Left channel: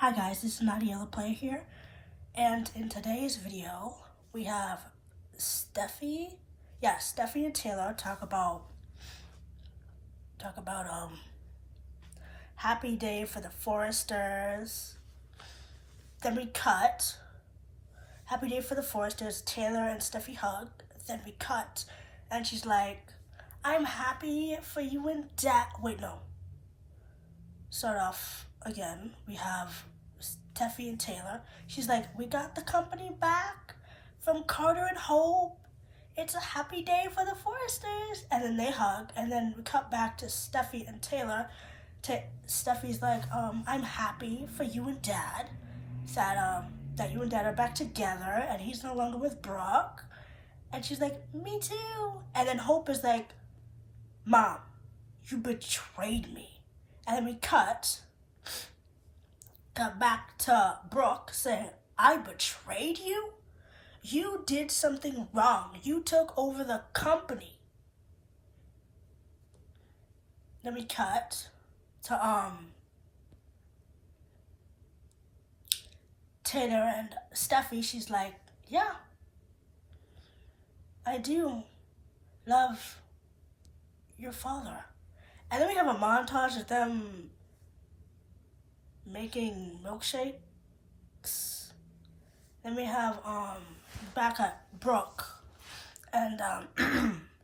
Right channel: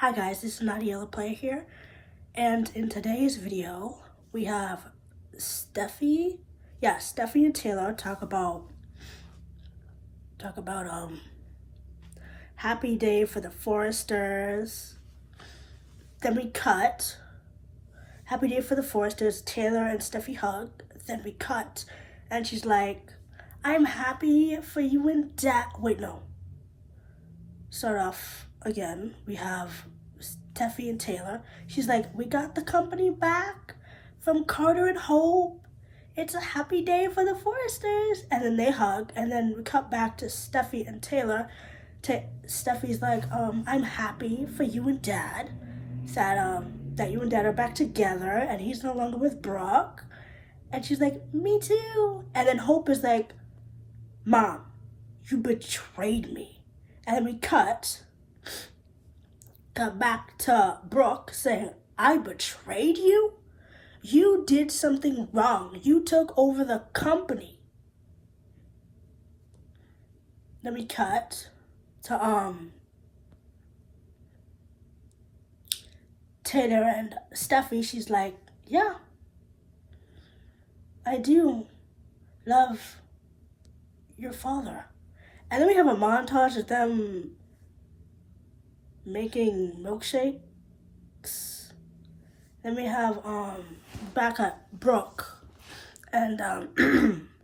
Hi guys, this is Nadia Play here, and in today's video we have Steffy and Taylor talk about happy day for the Foresters. Then we cut happy day for the Foresters. Taylor and Steffy hug. Then we cut, and she's like, "I'm happy for you and Dad." Wait, no. Start off again. We have Steffy and Taylor. She's like, "We got the company back from Carter and Hope. It's a happy day for the Foresters." And then they hug, and then we cut back to Steffy and Taylor. Steffy's like, "I'm happy for you and Dad that you and Dad are back together, and he's no longer with Brook." And she's like, "Me too." And then Hope is like, "Mom, you betrayed me." And then we cut back to Brook saying, "I betrayed you? You did something wrong. You took over the company." Then we cut to Taylor and Steffy. She's like, "Yeah, I do love your father." And then we have a montage of them making milkshakes. Then we have back at Brook and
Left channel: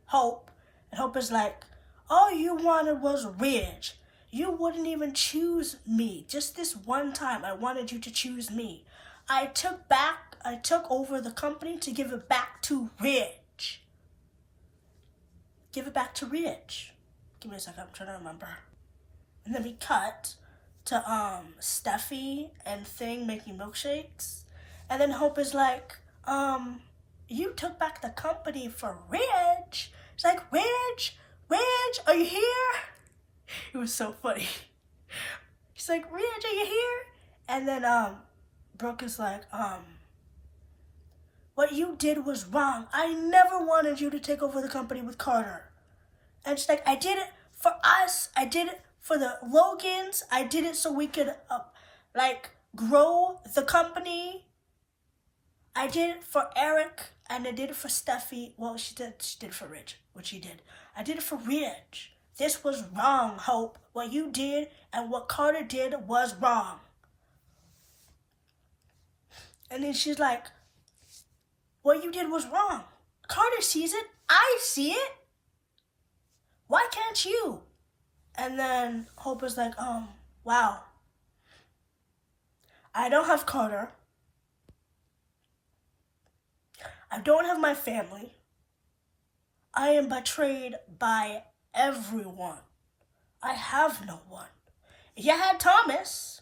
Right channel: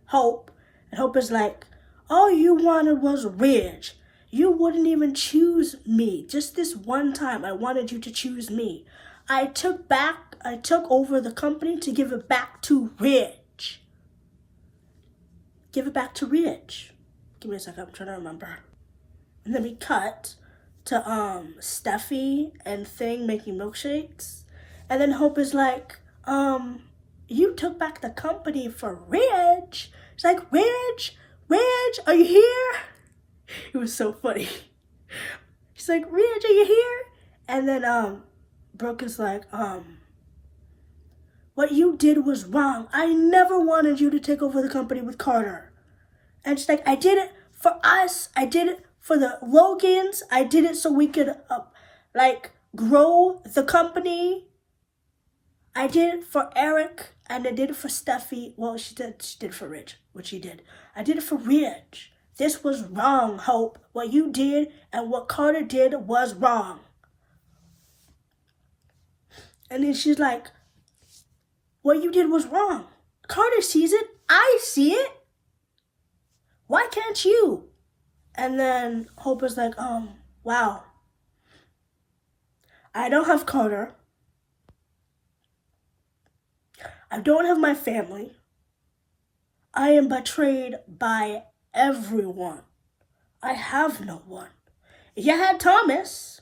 Hope. And Hope is like, "All you wanted was Ridge. You wouldn't even choose me. Just this one time I wanted you to choose me. I took over the company to give it back to Ridge." Give it back to Ridge. Give me a second, I'm trying to remember. And then we cut to Steffy and Thing making milkshakes. And then Hope is like, "You took back the company for Ridge." It's like, Ridge, are you here?" It was so funny. He's like, "Ridge, are you here?" And then Brook is like, "What you did was wrong. I never wanted you to take over the company with Carter." And she's like, "I did it for us. I did it for the Logans. I did it so we could, grow the company. I did it for Eric, and I did it for Steffy." Well, she did it for Ridge, which she did. "I did it for Ridge. This was wrong, Hope. What you did and what Carter did was wrong." And then she's like, "What you did was wrong. Carter sees it. I see it. Why can't you?" And then Hope is like, "Wow. I don't have Carter. I don't have my family. I am betrayed by everyone. I have no one. You had Thomas.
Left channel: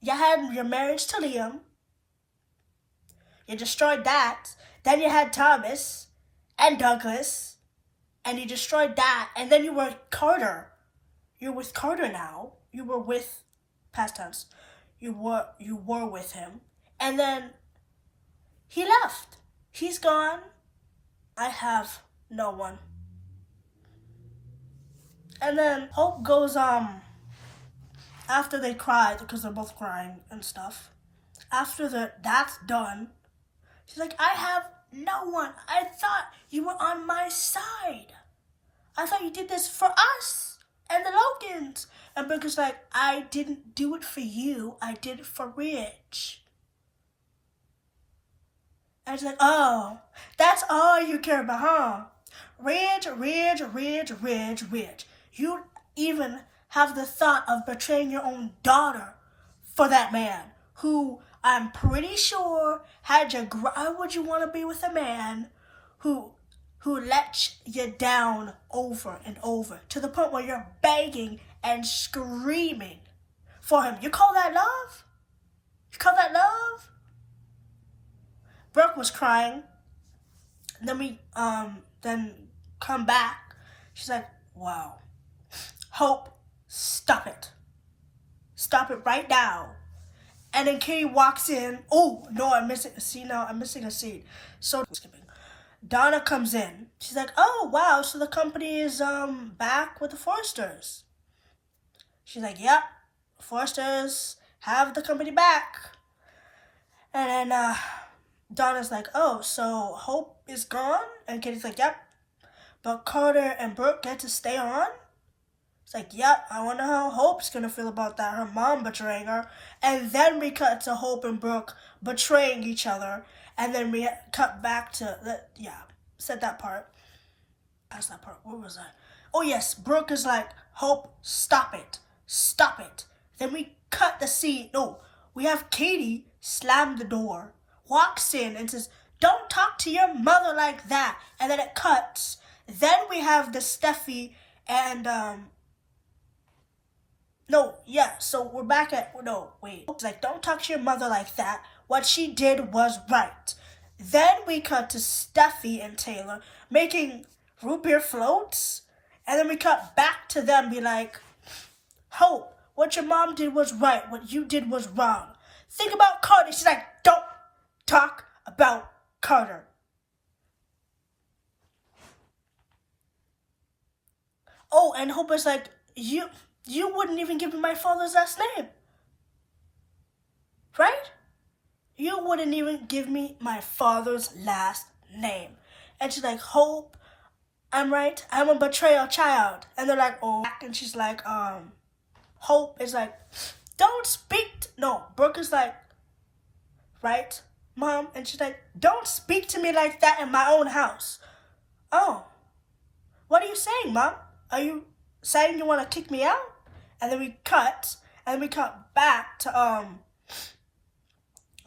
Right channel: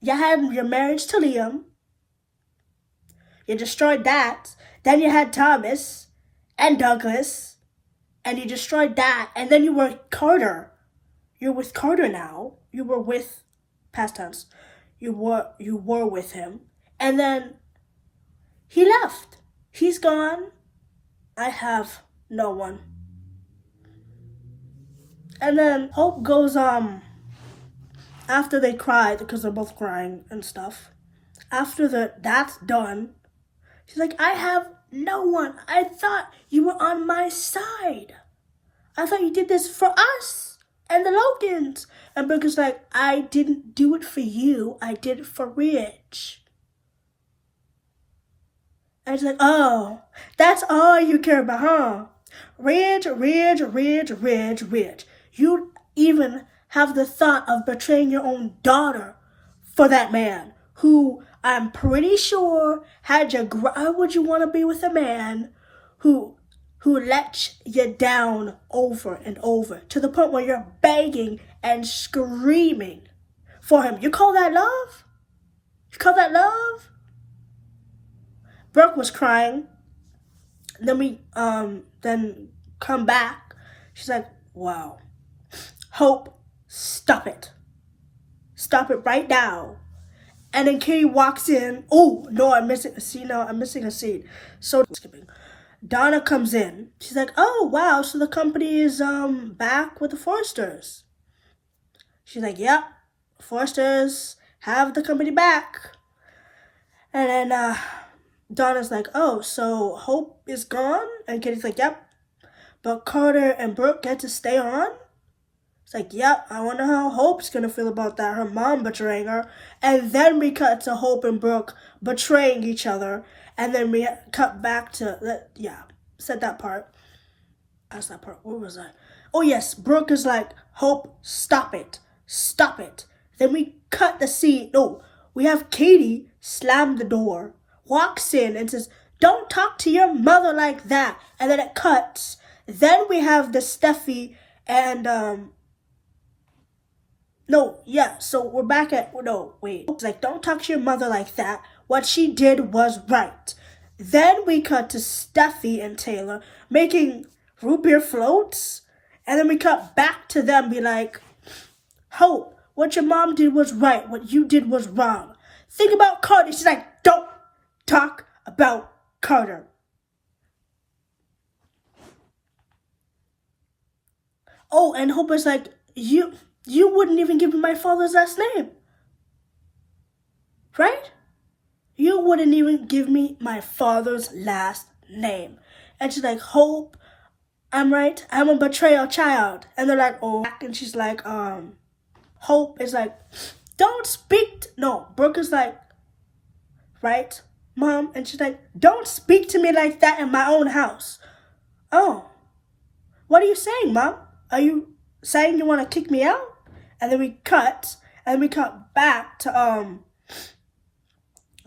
You had your marriage to Liam. You destroyed that. Then you had Thomas and Douglas. And you destroyed that. And then you were Carter. You're with Carter now. You were with, past tense, you were with him. And then he left. He's gone. I have no one." And then Hope goes, after they cry, because they're both crying and stuff, after that's done, she's like, "I have no one. I thought you were on my side. I thought you did this for us and the Logans." And Brook is like, "I didn't do it for you. I did it for Ridge." And she's like, "Oh, that's all you care about, huh? Ridge. You even have the thought of betraying your own daughter for that man who I'm pretty sure had you. Why would you want to be with a man who let you down over and over to the point where you're begging and screaming for him? You call that love? You call that love?" Brooke was crying. Then we then come back. She's like, "Wow. Hope, stop it. Stop it right now." And then Katie walks in. Oh, no, I'm missing a scene now. I'm missing a scene. So skipping. Donna comes in. She's like, "Oh, wow, so the company is back with the Foresters." She's like, "Yep, Foresters have the company back. And then Donna's like, oh, so Hope is gone? And Kitty's like, yep. But Carter and Brooke get to stay on? It's like, yep, I wonder how Hope's gonna feel about that, her mom betraying her. And then we cut to Hope and Brooke betraying each other. And then we cut back to, said that part. That's that part. What was that? Oh, yes, Brooke is like, Hope, stop it. Stop it. Then we cut the scene. No, we have Katie slam the door, walks in and says, don't talk to your mother like that. And then it cuts. Then we have the Steffy and, so we're back at, It's like, don't talk to your mother like that. What she did was right. Then we cut to Steffy and Taylor making root beer floats. And then we cut back to them, be like, Hope, what your mom did was right. What you did was wrong. Think about Carter. She's like, don't talk about Carter. Oh, and Hope is like, you wouldn't even give me my father's last name. Right? You wouldn't even give me my father's last name. And she's like, Hope, I'm right. I'm a betrayal child. And they're like, oh. And she's like, Hope is like, don't speak. No, Brooke is like, right, Mom? And she's like, don't speak to me like that in my own house. Oh, what are you saying, Mom? Are you saying you want to kick me out? And then we cut back to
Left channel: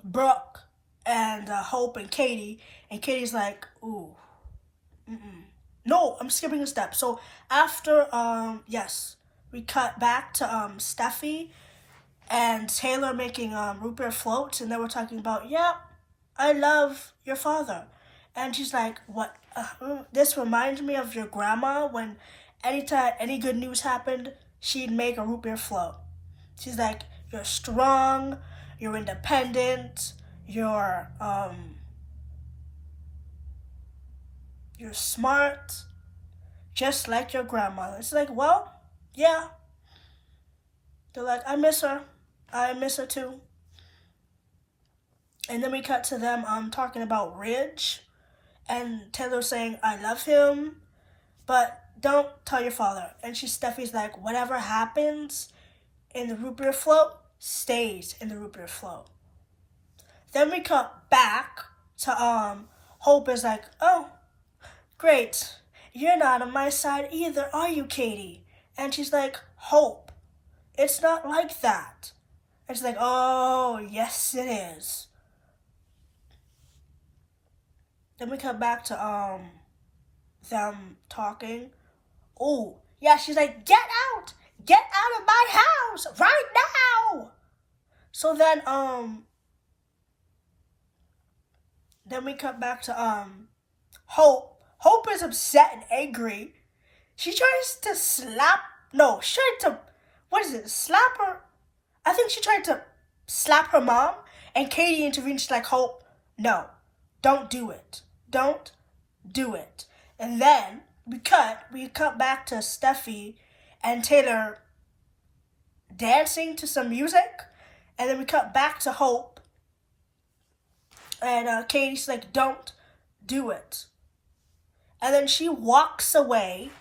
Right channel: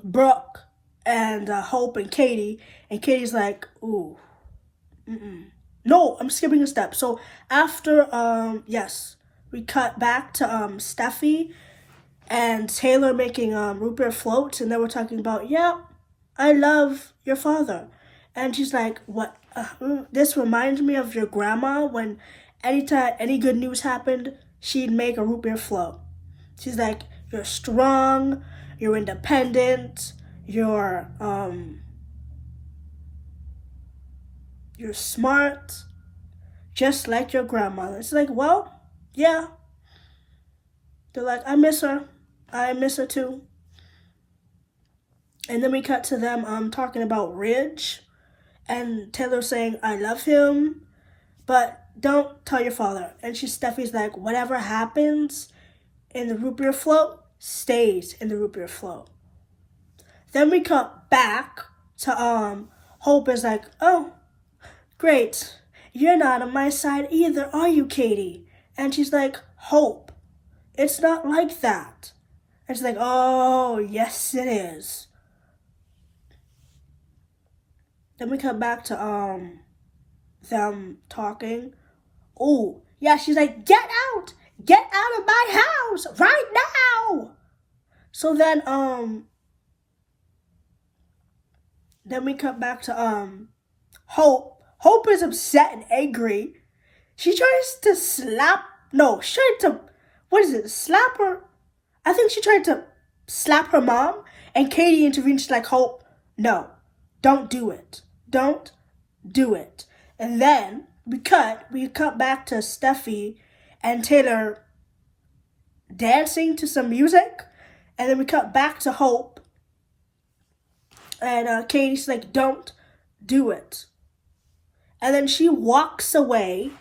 Brooke and Hope and Katie. And Katie's like, ooh, no, I'm skipping a step. So after, we cut back to Steffy and Taylor making root beer floats. And then we're talking about, I love your father. And she's like, what? This reminds me of your grandma when anytime any good news happened, she'd make a root beer float. She's like, you're strong, you're independent, you're smart, just like your grandmother. It's like, well, yeah. They're like, I miss her. I miss her too. And then we cut to them talking about Ridge. And Taylor saying, I love him, but don't tell your father. And Steffi's like, whatever happens in the root beer float stays in the root beer float. Then we cut back to Hope is like, oh, great. You're not on my side either, are you, Katie? And she's like, Hope, it's not like that. And she's like, oh, yes, it is. Then we come back to them talking. Oh, yeah, she's like, get out of my house right now. So then we come back to Hope. Hope is upset and angry. She tries to slap her. I think she tried to slap her mom, and Katie intervened. She's like, Hope, no, don't do it. Don't do it. And then we cut back to Steffy and Taylor dancing to some music. And then we cut back to Hope. And Katie's like, don't do it. And then she walks away.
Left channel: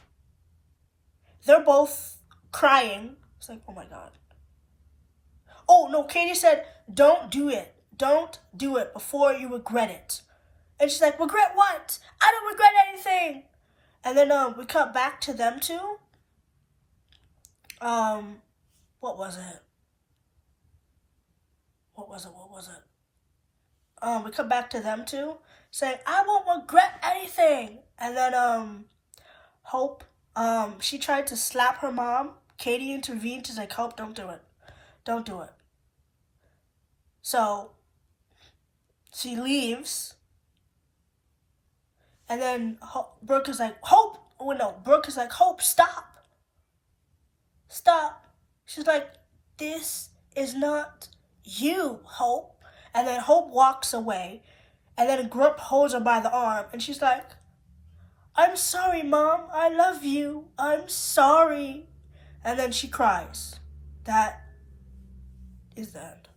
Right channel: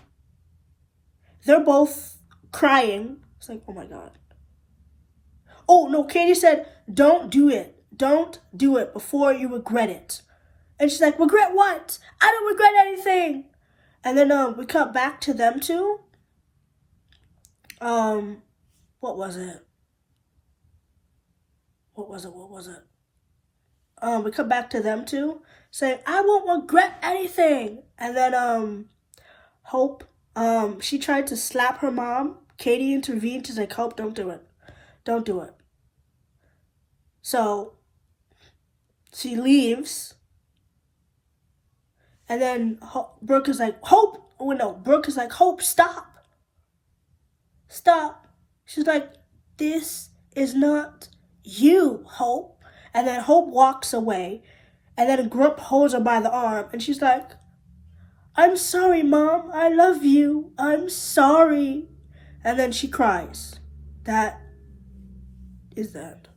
They're both crying. It's like, oh my God. Oh, no, Katie said, don't do it. Don't do it before you regret it. And she's like, regret what? I don't regret anything. And then we cut back to them two. What was it? We cut back to them two saying, I won't regret anything. And then Hope, she tried to slap her mom. Katie intervened. She's like, Hope, don't do it. Don't do it. So she leaves. And then Brooke is like, Hope. Oh, no. Brooke is like, Hope, stop. Stop. She's like, this is not you, Hope. And then Hope walks away. And then Grump holds her by the arm. And she's like, I'm sorry, Mom. I love you. I'm sorry. And then she cries. That is that?